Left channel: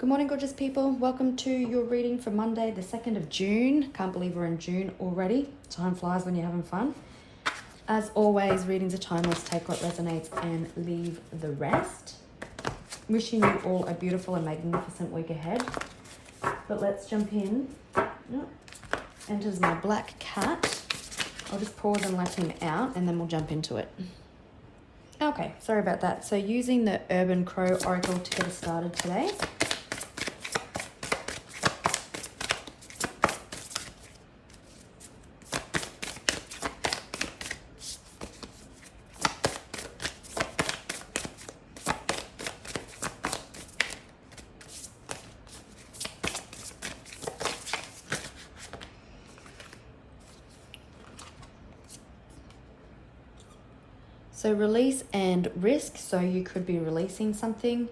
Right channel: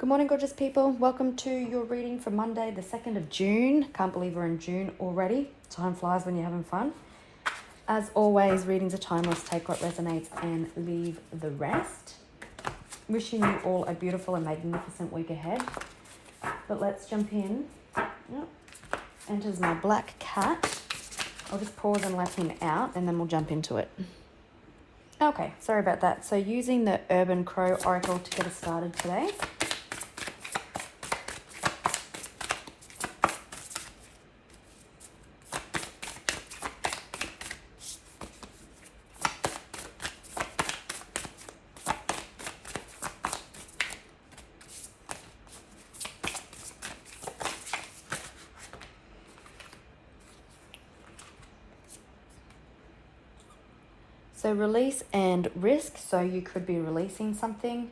Good morning, gorgeous people. Welcome to your reading for Monday, the 2nd of June. Can't believe we're in June already. Time flies when you're having fun. As always, readings are timeless. Take what resonates and leave the rest. Wishing you all a beautiful and magnificent week ahead. But let's jump in. Enters my black cat. I'll just pause and let him out and then we'll jump into it. Okay, sorry about that. So using the Urban Crow Oracle to get us started today. So release and risk. So you could be releasing something.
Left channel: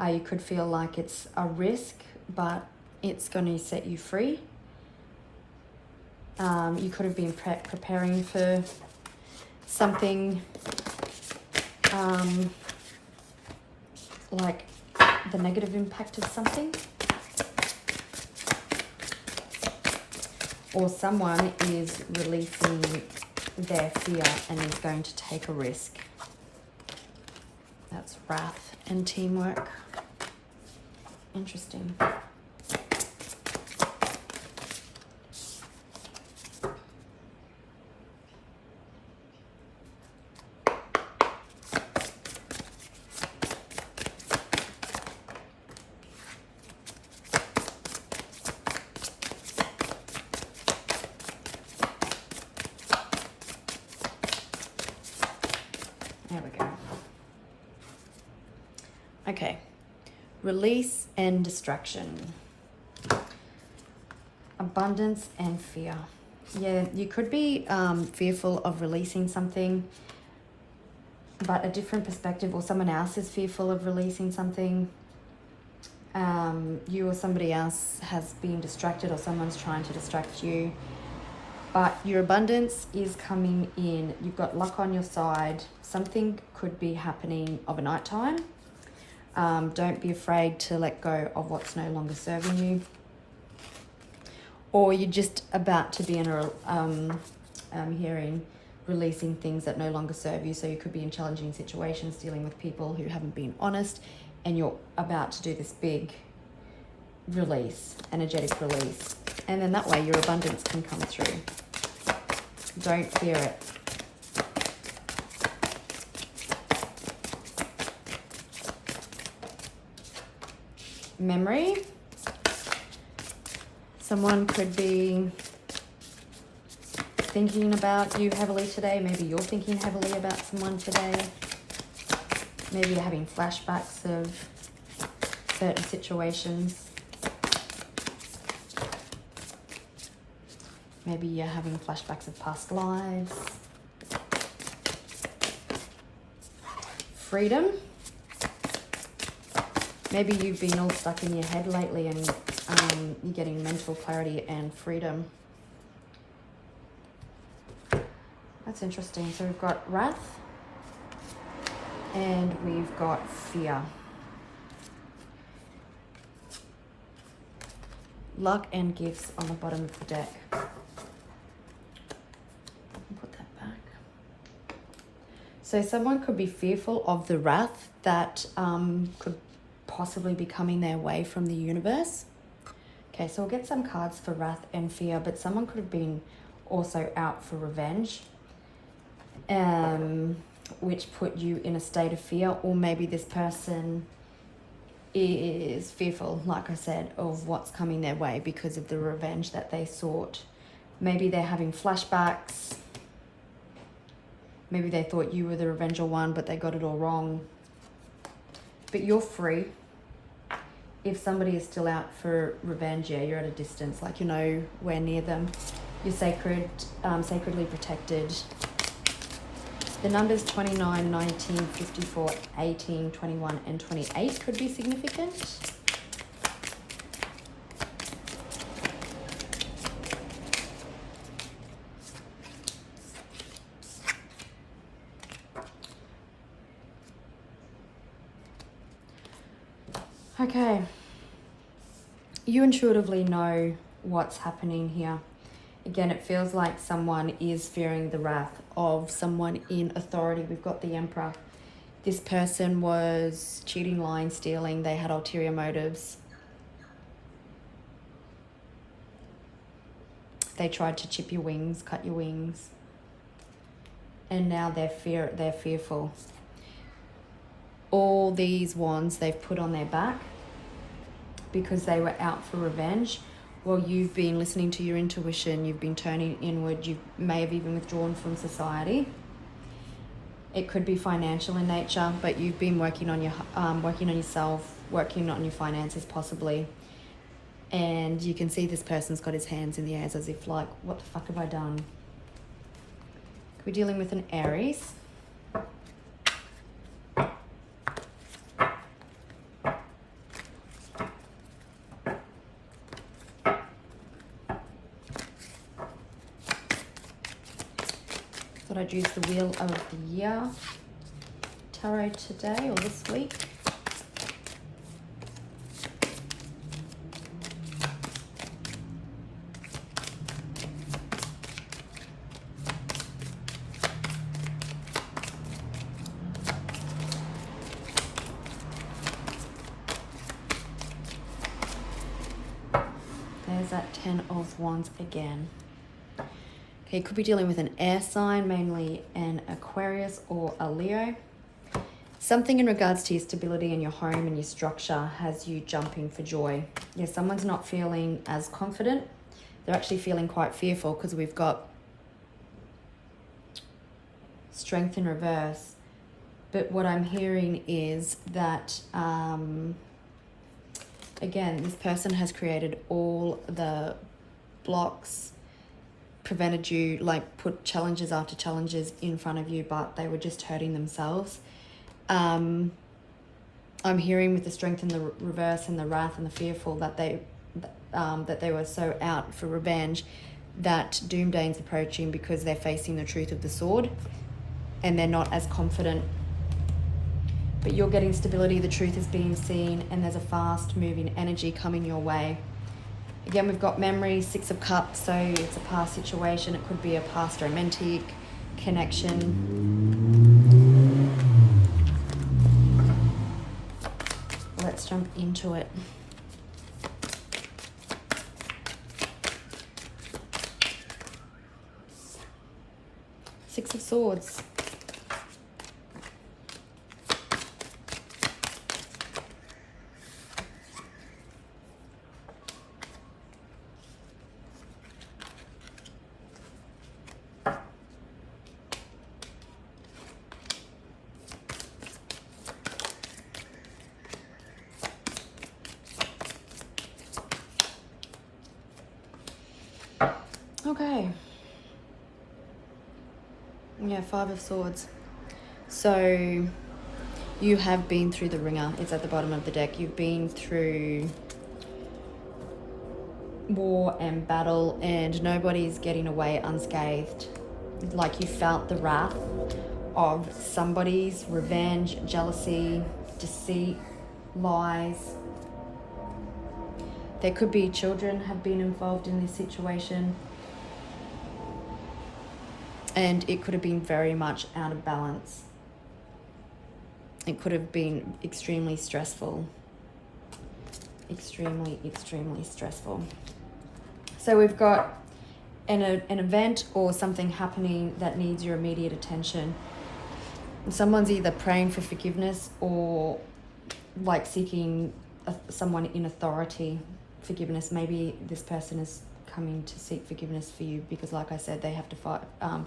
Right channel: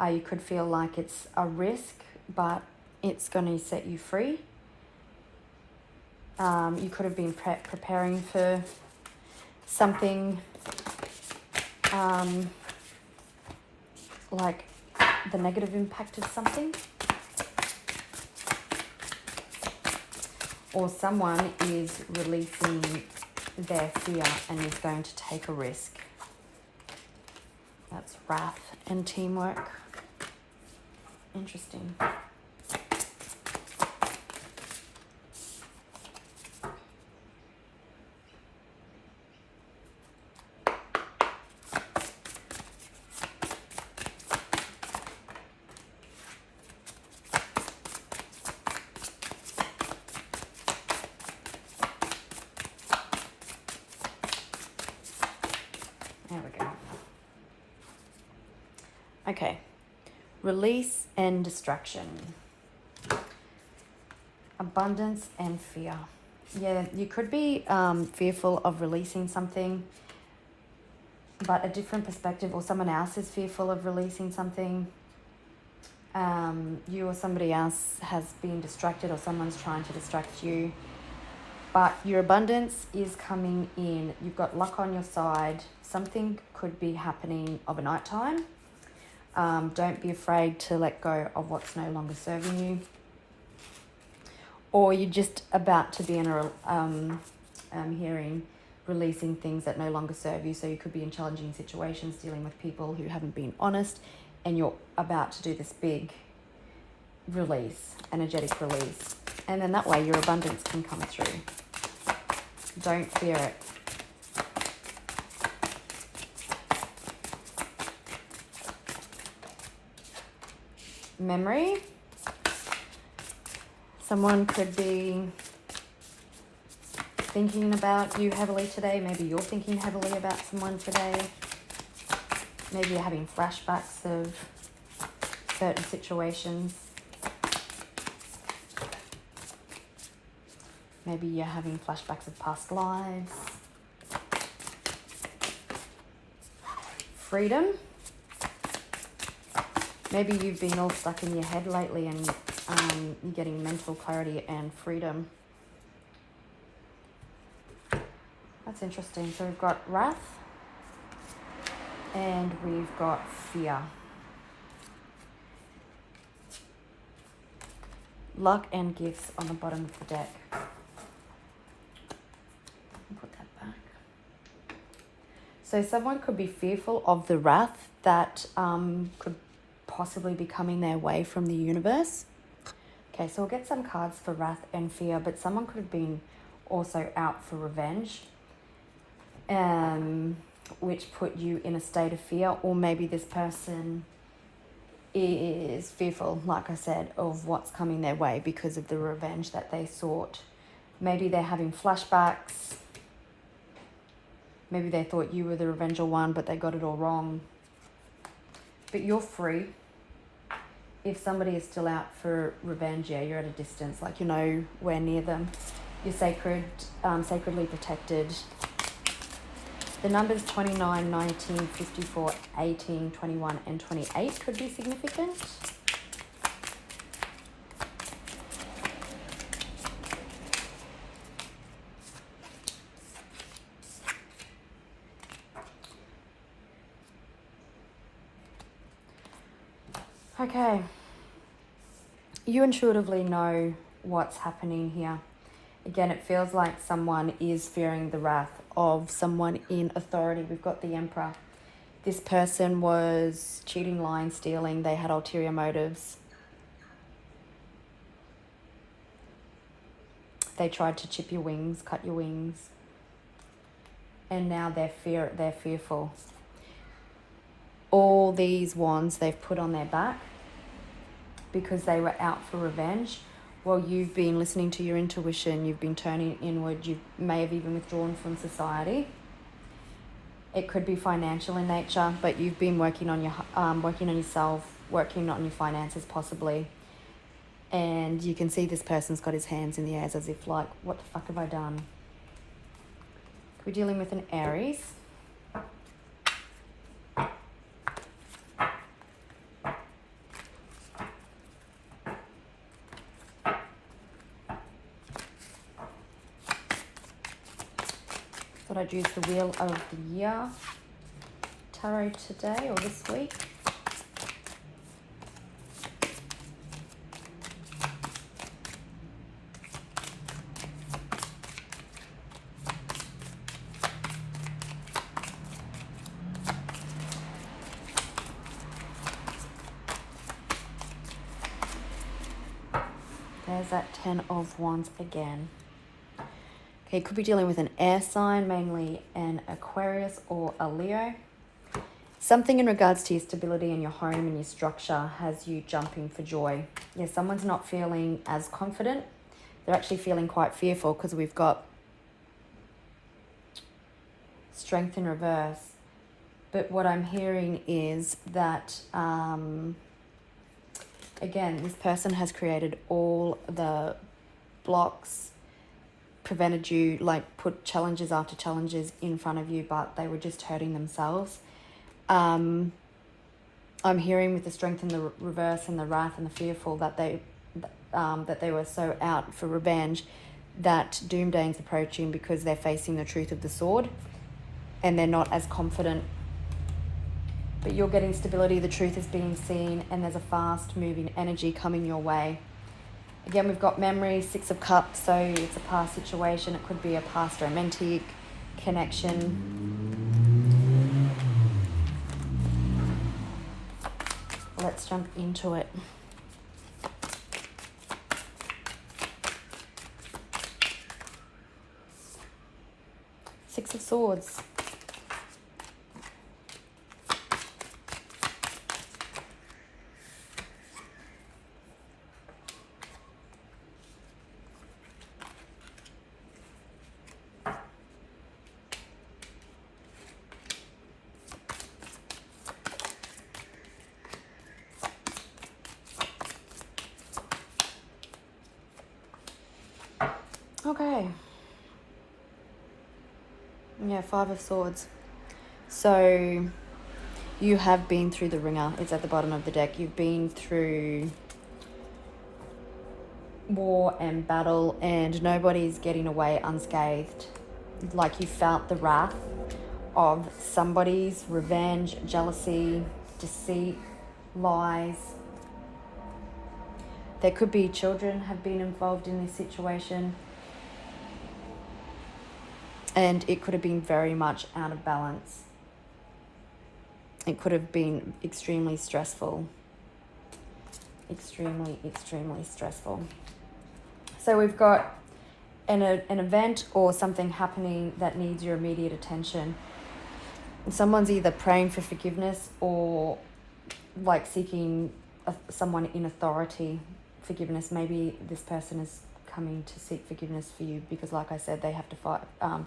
You could feel like it's a risk, but it's going to set you free. You could have been preparing for something like the negative impact of something. Or someone is releasing their fear and is going to take a risk. That's wrath and teamwork. Interesting. There we go. Okay. Release and distraction. Abundance and fear. Yeah, you could be fearful of releasing something, but a different perspective, or someone else is fearful of releasing something. You or somebody else has been distracted, or someone's trying to distract you. But your abundance is coming in. You've got luck on your side. Something could be happening of a night time. Don't be afraid to let go of what's no longer serving you. Or you're just about to be in a hearing, releasing things that no longer serve you. So you could be in challenging situations, dealing with people who haven't been honest, and you're about to do this big release, energetic release. And then that way your abundance can come through. Don't fear it. Memory. Someone could be thinking about you heavily today. Maybe you're thinking heavily about someone today. Maybe you're having flashbacks of certain situations. Maybe you're having flashbacks of past lives. Freedom. Maybe you've been all stuck in your head lately and you're getting mental clarity and freedom. That's interesting. So we've got wrath and we've got fear. Luck and gifts on the bottom of the deck. Put that back. So someone could be fearful of the wrath that could possibly be coming their way from the universe. Okay, so we'll get some cards for wrath and fear, but someone could have been also out for revenge, which put you in a state of fear. Or maybe this person is fearful, like I said, of what's coming their way because of the revenge that they sought. Maybe they're having flashbacks. Maybe they thought you were the revenger one, but they got it all wrong. But you're free. If somebody is still out for revenge, yeah, you're at a distance, like you're nowhere near them. You're sacredly protected. The numbers 29, 19, 54, 18, 21, and 28 could be significant. Okay, you intuitively know what's happening here. Again, it feels like someone is fearing the wrath of someone in authority. We've got the Emperor. This person was cheating, lying, stealing. They had ulterior motives. They tried to chip your wings, cut your wings. And now they're fearful. All these wands they've put on their back because they were out for revenge. Well, you've been listening to your intuition. You've been turning inward. You may have even withdrawn from society. It could be financial in nature, but you've been working on yourself, working on your finances possibly. And you can see this person's got his hands in the air as if like, what the fuck have I done? We're dealing with an Aries. Thought I'd use the Wheel of the Year tarot today or this week. There's that 10 of Wands again. Okay, could be dealing with an air sign, mainly an Aquarius or a Leo. Something in regards to your stability and your home and your structure has you jumping for joy. Yeah, someone's not feeling as confident. They're actually feeling quite fearful because we've got Strength in reverse. But what I'm hearing is that, again, this person has created all the blocks, prevented you, like put challenges after challenges in front of you, but they were just hurting themselves. I'm hearing with the Strength in the reverse and the wrath and the fearful that they were so out for revenge that doomsday's approaching because they're facing the truth of the sword and they're not as confident. But you're getting stability, the truth is being seen, and there's a fast moving energy coming your way. Again, we've got memory, 6 of Cups, so it's a past situation. It could be a past romantic connection. Let's jump into it. Six of Swords. Okay. Yeah, 5 of Swords. So you have been through the ringer. It's at the bottom of the deck. You've been through war and battle and nobody's getting away unscathed. Like you felt the wrath of somebody's revenge, jealousy, deceit, lies. There could be children have been involved in this situation. And it could have been very much out of balance. It could have been extremely stressful. Extremely, extremely stressful. So we've got an event or something happening that needs your immediate attention. Someone's either praying for forgiveness or like seeking someone in authority forgiveness. Maybe this person is coming to seek forgiveness for you because, like I said, they have to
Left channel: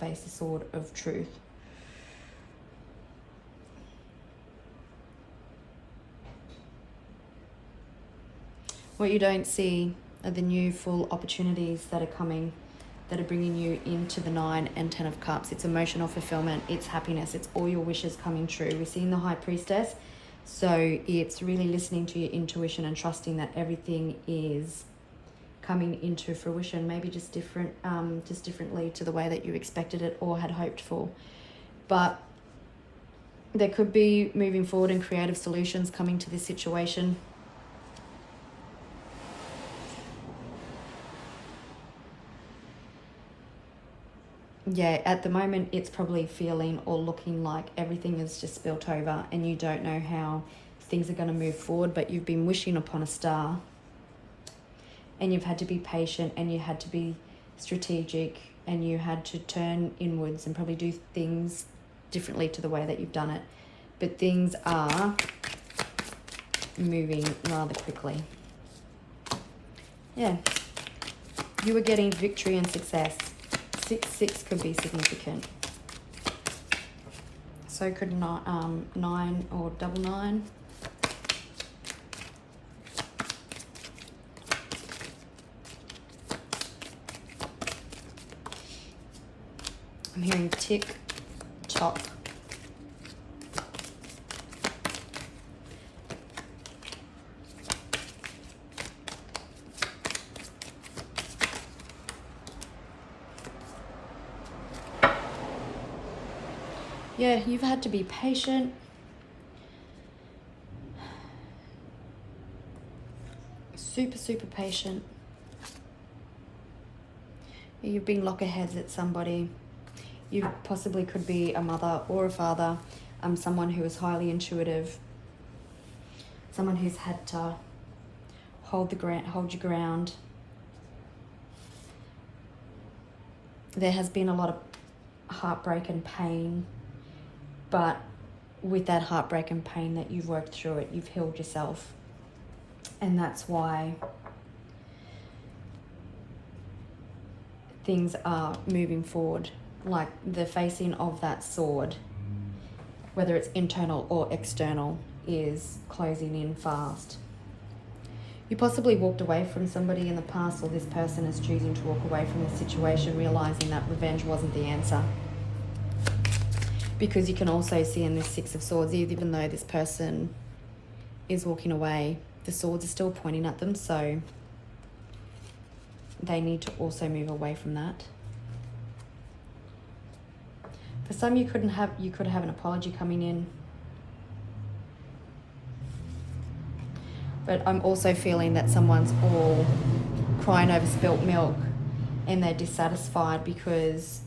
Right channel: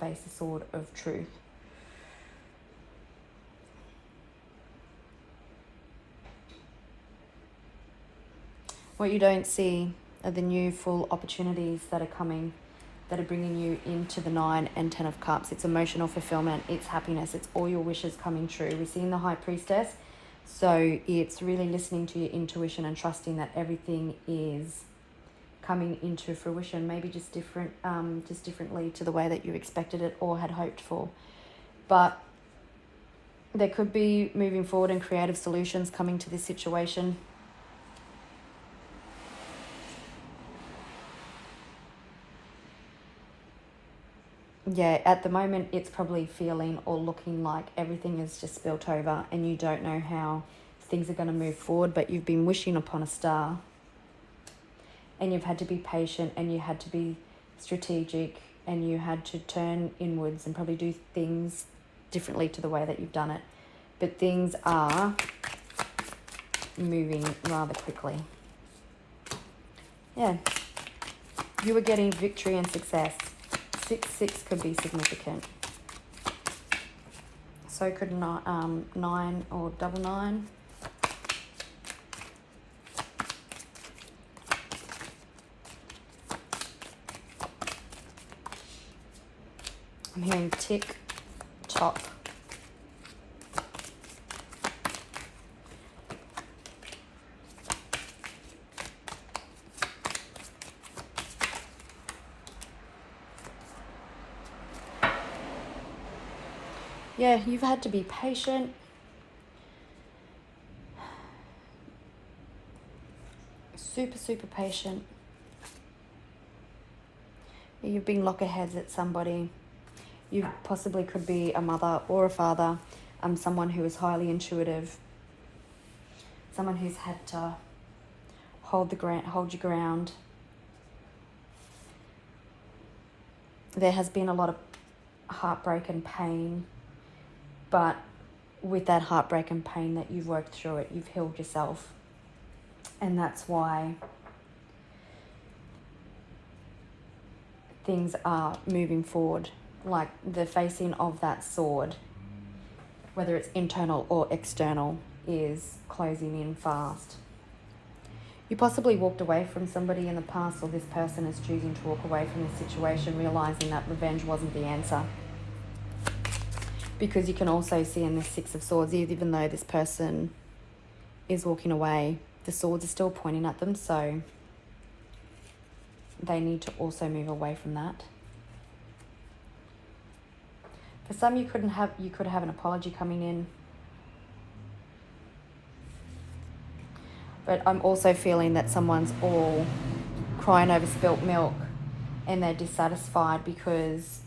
face the sword of truth. What you don't see are the new full opportunities that are coming, that are bringing you into the 9 and 10 of Cups. It's emotional fulfillment, it's happiness, it's all your wishes coming true. We're seeing the High Priestess, so it's really listening to your intuition and trusting that everything is coming into fruition, maybe just differently to the way that you expected it or had hoped for. But there could be moving forward and creative solutions coming to this situation. yeah, at the moment it's probably feeling or looking like everything is just spilt over and you don't know how things are going to move forward, but you've been wishing upon a star and you've had to be patient and you had to be strategic and you had to turn inwards and probably do things differently to the way that you've done it. But things are moving rather quickly. Yeah. You were getting victory and success. 6 could be significant. So could 9 or double 9. I'm hearing tick, tock. Yeah, you've had to be patient. Super patient. You've been lockerheads at somebody. You possibly could be a mother or a father, someone who is highly intuitive, someone who's had to hold your ground. There has been a lot of heartbreak and pain, but with that heartbreak and pain that you've worked through it, you've healed yourself. And that's why things are moving forward. Like the facing of that sword, whether it's internal or external, is closing in fast. You possibly walked away from somebody in the past, or this person is choosing to walk away from this situation, realizing that revenge wasn't the answer. Because you can also see in this 6 of Swords, even though this person is walking away, the swords are still pointing at them, so they need to also move away from that. For some, you could have an apology coming in. But I'm also feeling that someone's all crying over spilt milk and they're dissatisfied because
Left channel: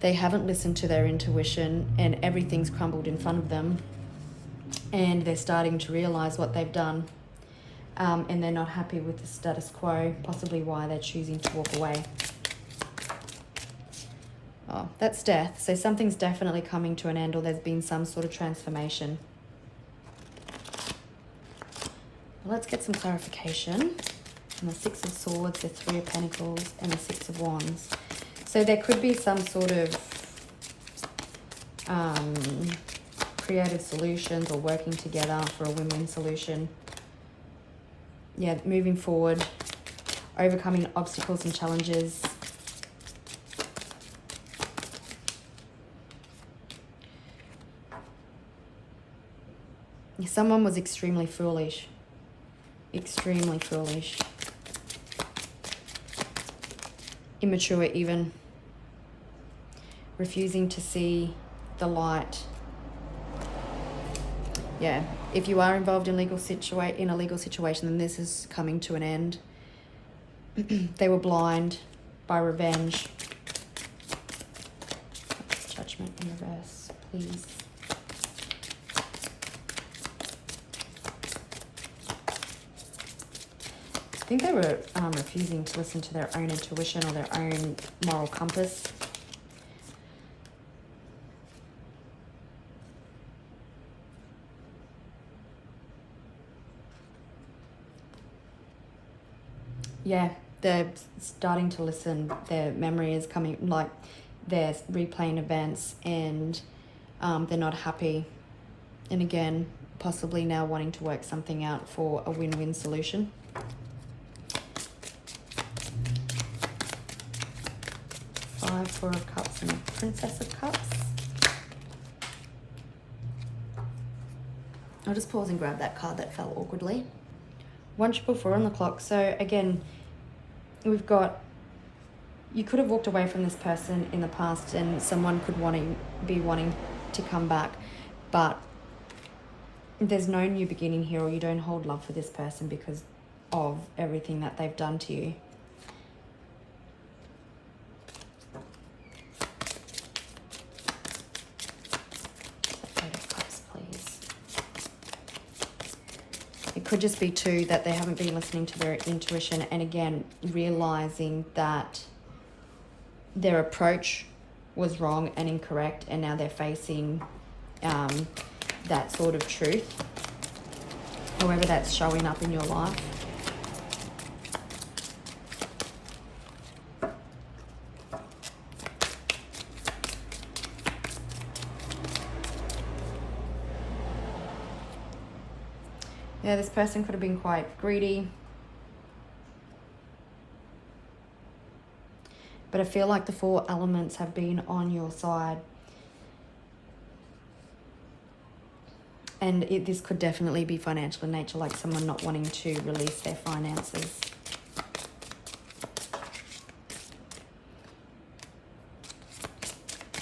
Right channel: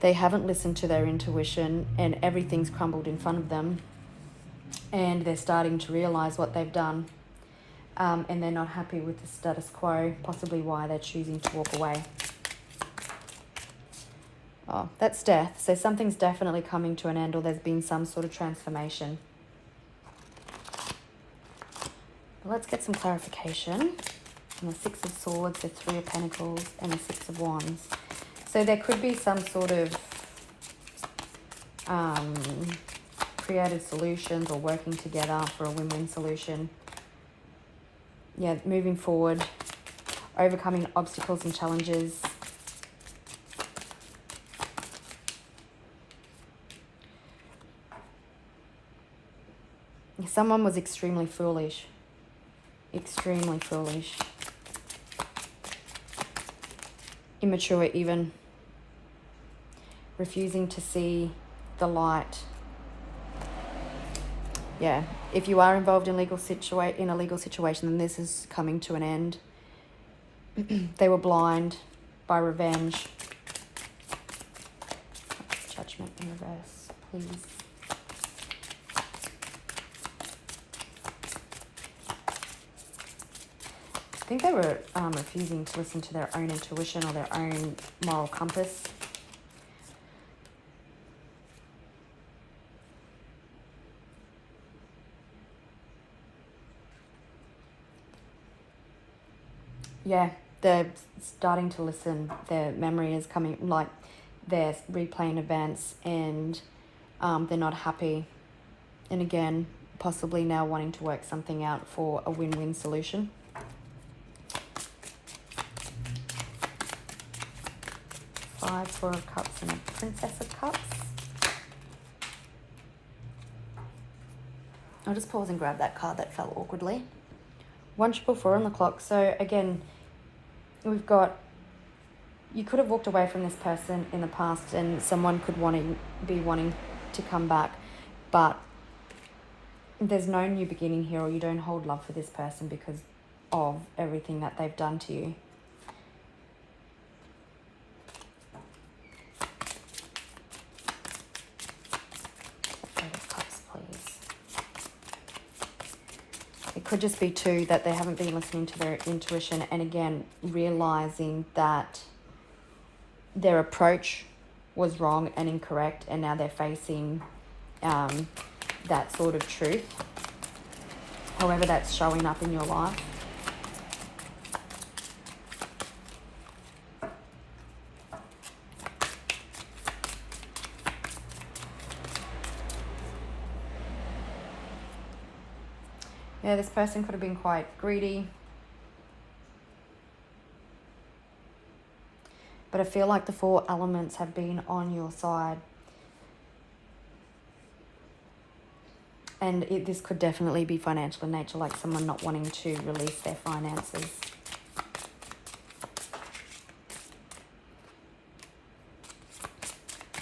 they haven't listened to their intuition and everything's crumbled in front of them. And they're starting to realize what they've done. And they're not happy with the status quo, possibly why they're choosing to walk away. Oh, that's death. So something's definitely coming to an end, or there's been some sort of transformation. Let's get some clarification. And the 6 of Swords, the 3 of Pentacles, and the 6 of Wands. So there could be some sort of creative solutions or working together for a win-win solution. Yeah, moving forward, overcoming obstacles and challenges. Someone was extremely foolish. Extremely foolish. Immature even. Refusing to see the light. Yeah, if you are involved in a legal situation, then this is coming to an end. They were blind by revenge. Judgment in reverse, please. I think they were refusing to listen to their own intuition or their own moral compass. Yeah, they're starting to listen. Their memory is coming, like they're replaying events, and they're not happy. And again, possibly now wanting to work something out for a win-win solution. Four of Cups and Princess of Cups. I'll just pause and grab that card that fell awkwardly. 144 on the clock. So again, we've got, you could have walked away from this person in the past and someone could be wanting to come back, but there's no new beginning here, or you don't hold love for this person because of everything that they've done to you. It could just be too that they haven't been listening to their intuition, and again, realizing that their approach was wrong and incorrect, and now they're facing that sort of truth, however that's showing up in your life. Yeah, this person could have been quite greedy. But I feel like the 4 elements have been on your side. And this could definitely be financial in nature, like someone not wanting to release their finances.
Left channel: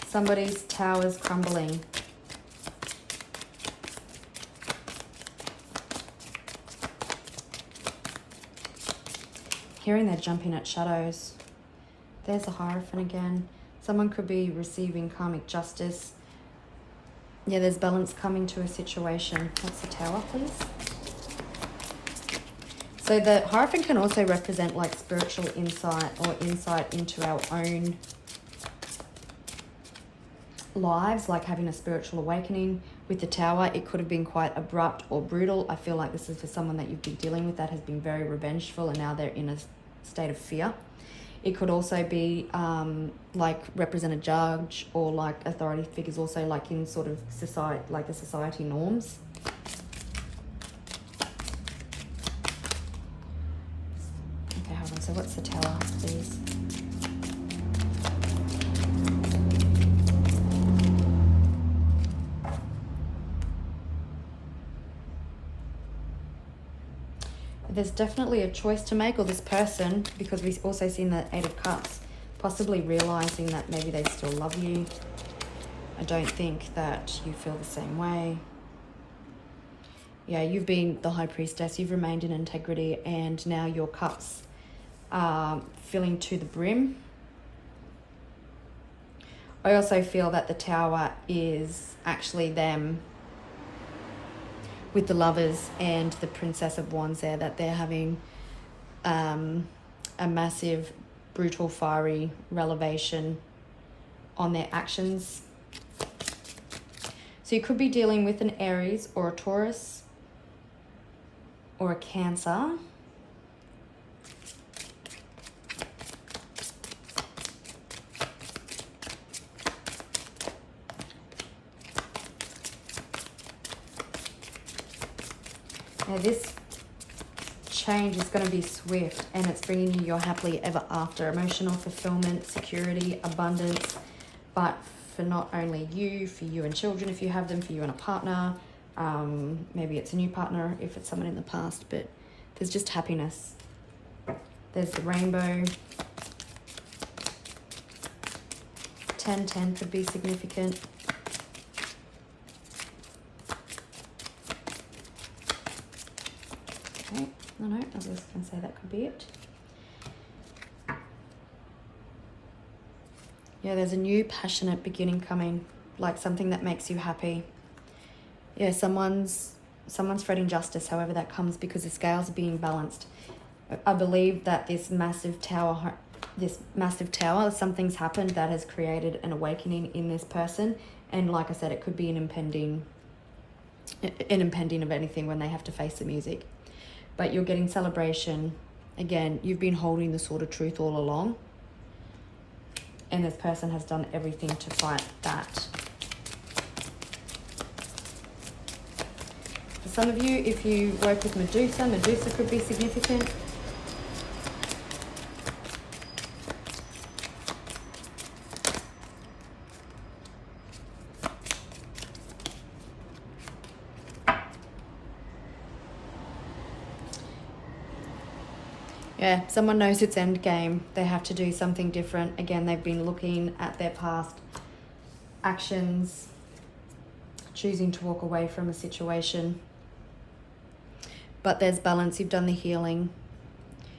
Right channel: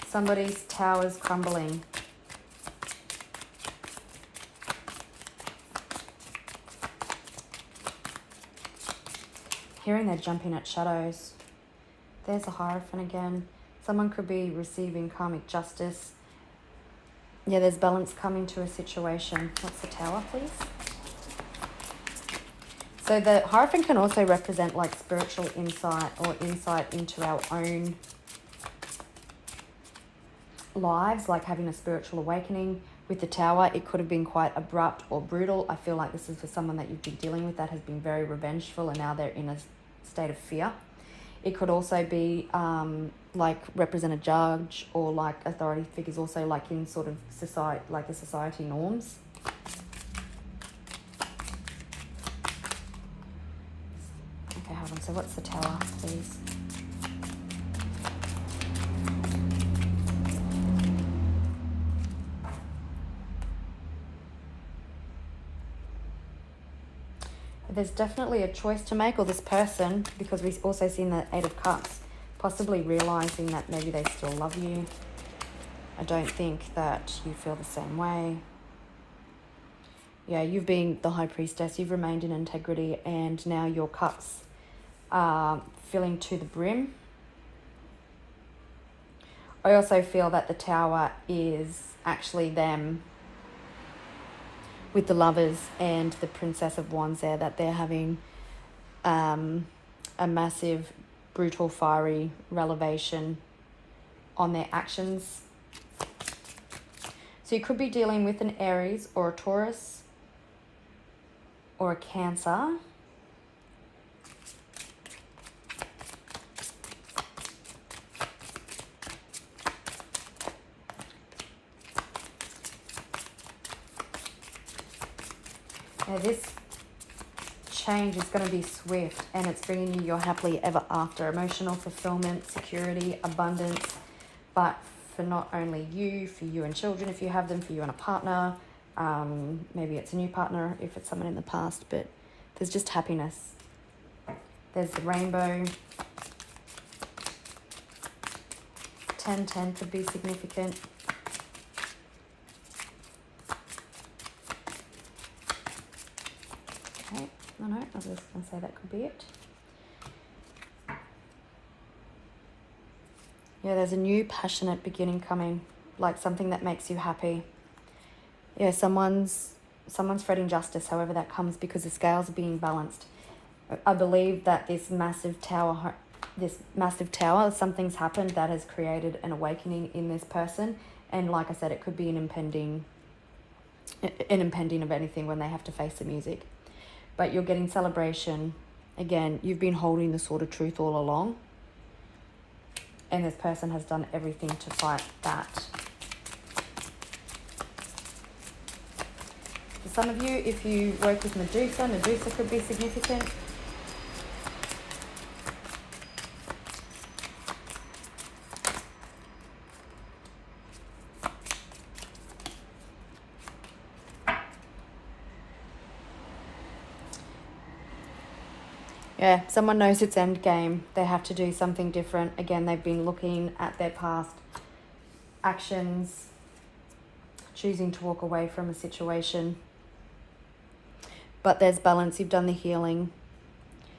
Somebody's tower is crumbling. Hearing they're jumping at shadows. There's a Hierophant again. Someone could be receiving karmic justice. Yeah, there's balance coming to a situation. What's the Tower, please? So the Hierophant can also represent like spiritual insight or insight into our own lives, like having a spiritual awakening. With the Tower, it could have been quite abrupt or brutal. I feel like this is for someone that you've been dealing with that has been very revengeful, and now they're in a state of fear. It could also be like represent a judge or like authority figures, also like in sort of society, like the society norms. Okay, hold on. So what's the Tower, please? There's definitely a choice to make, or this person, because we've also seen the 8 of Cups, possibly realizing that maybe they still love you. I don't think that you feel the same way. Yeah, you've been the High Priestess, you've remained in integrity, and now your cups are filling to the brim. I also feel that the Tower is actually them with the Lovers and the Princess of Wands there, that they're having a massive, brutal, fiery revelation on their actions. So you could be dealing with an Aries or a Taurus or a Cancer. Now this change is going to be swift, and it's bringing you your happily ever after, emotional fulfillment, security, abundance, but for not only you, for you and children if you have them, for you and a partner. Maybe it's a new partner if it's someone in the past, but there's just happiness. There's the rainbow. 10-10 could be significant. Okay, no, I was just going to say that could be it. Yeah, there's a new passionate beginning coming, like something that makes you happy. Yeah, someone's fretting justice, however that comes, because the scales are being balanced. I believe that this massive tower, something's happened that has created an awakening in this person. And like I said, it could be an impending of anything when they have to face the music. But you're getting celebration. Again, you've been holding the sword of truth all along. And this person has done everything to fight that. For some of you, if you work with Medusa could be significant. Yeah, someone knows it's end game. They have to do something different. Again, they've been looking at their past actions, choosing to walk away from a situation. But there's balance. You've done the healing.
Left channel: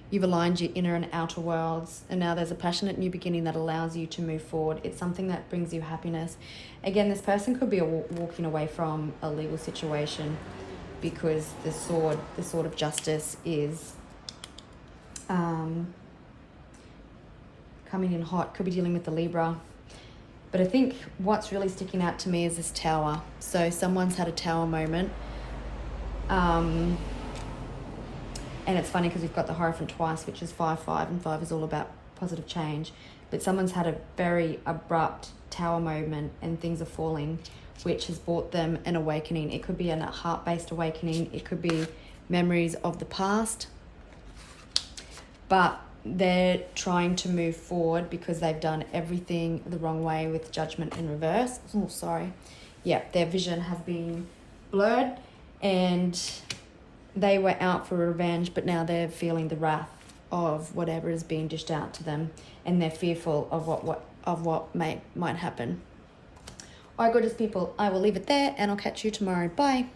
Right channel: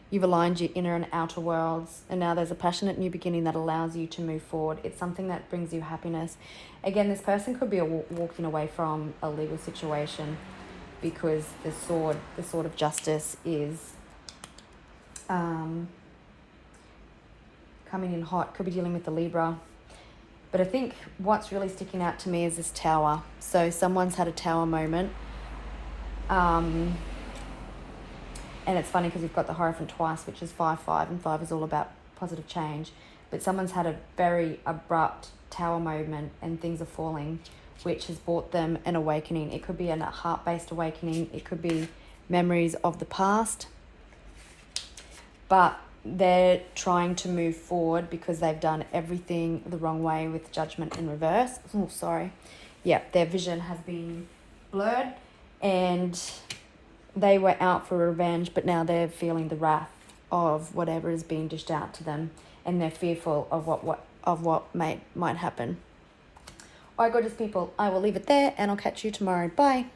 You've aligned your inner and outer worlds. And now there's a passionate new beginning that allows you to move forward. It's something that brings you happiness. Again, this person could be walking away from a legal situation. because the sword of justice is coming in hot. Could be dealing with the Libra. But I think what's really sticking out to me is this Tower. So someone's had a Tower moment. And it's funny because we've got the Hierophant twice, which is 5-5, and 5 is all about positive change. But someone's had a very abrupt Tower moment and things are falling, which has brought them an awakening. It could be a heart-based awakening. It could be memories of the past. But they're trying to move forward because they've done everything the wrong way with Judgment in reverse. Oh, sorry. Yeah, their vision has been blurred and they were out for revenge, but now they're feeling the wrath of whatever is being dished out to them, and they're fearful of what might happen. All right, gorgeous people, I will leave it there and I'll catch you tomorrow. Bye.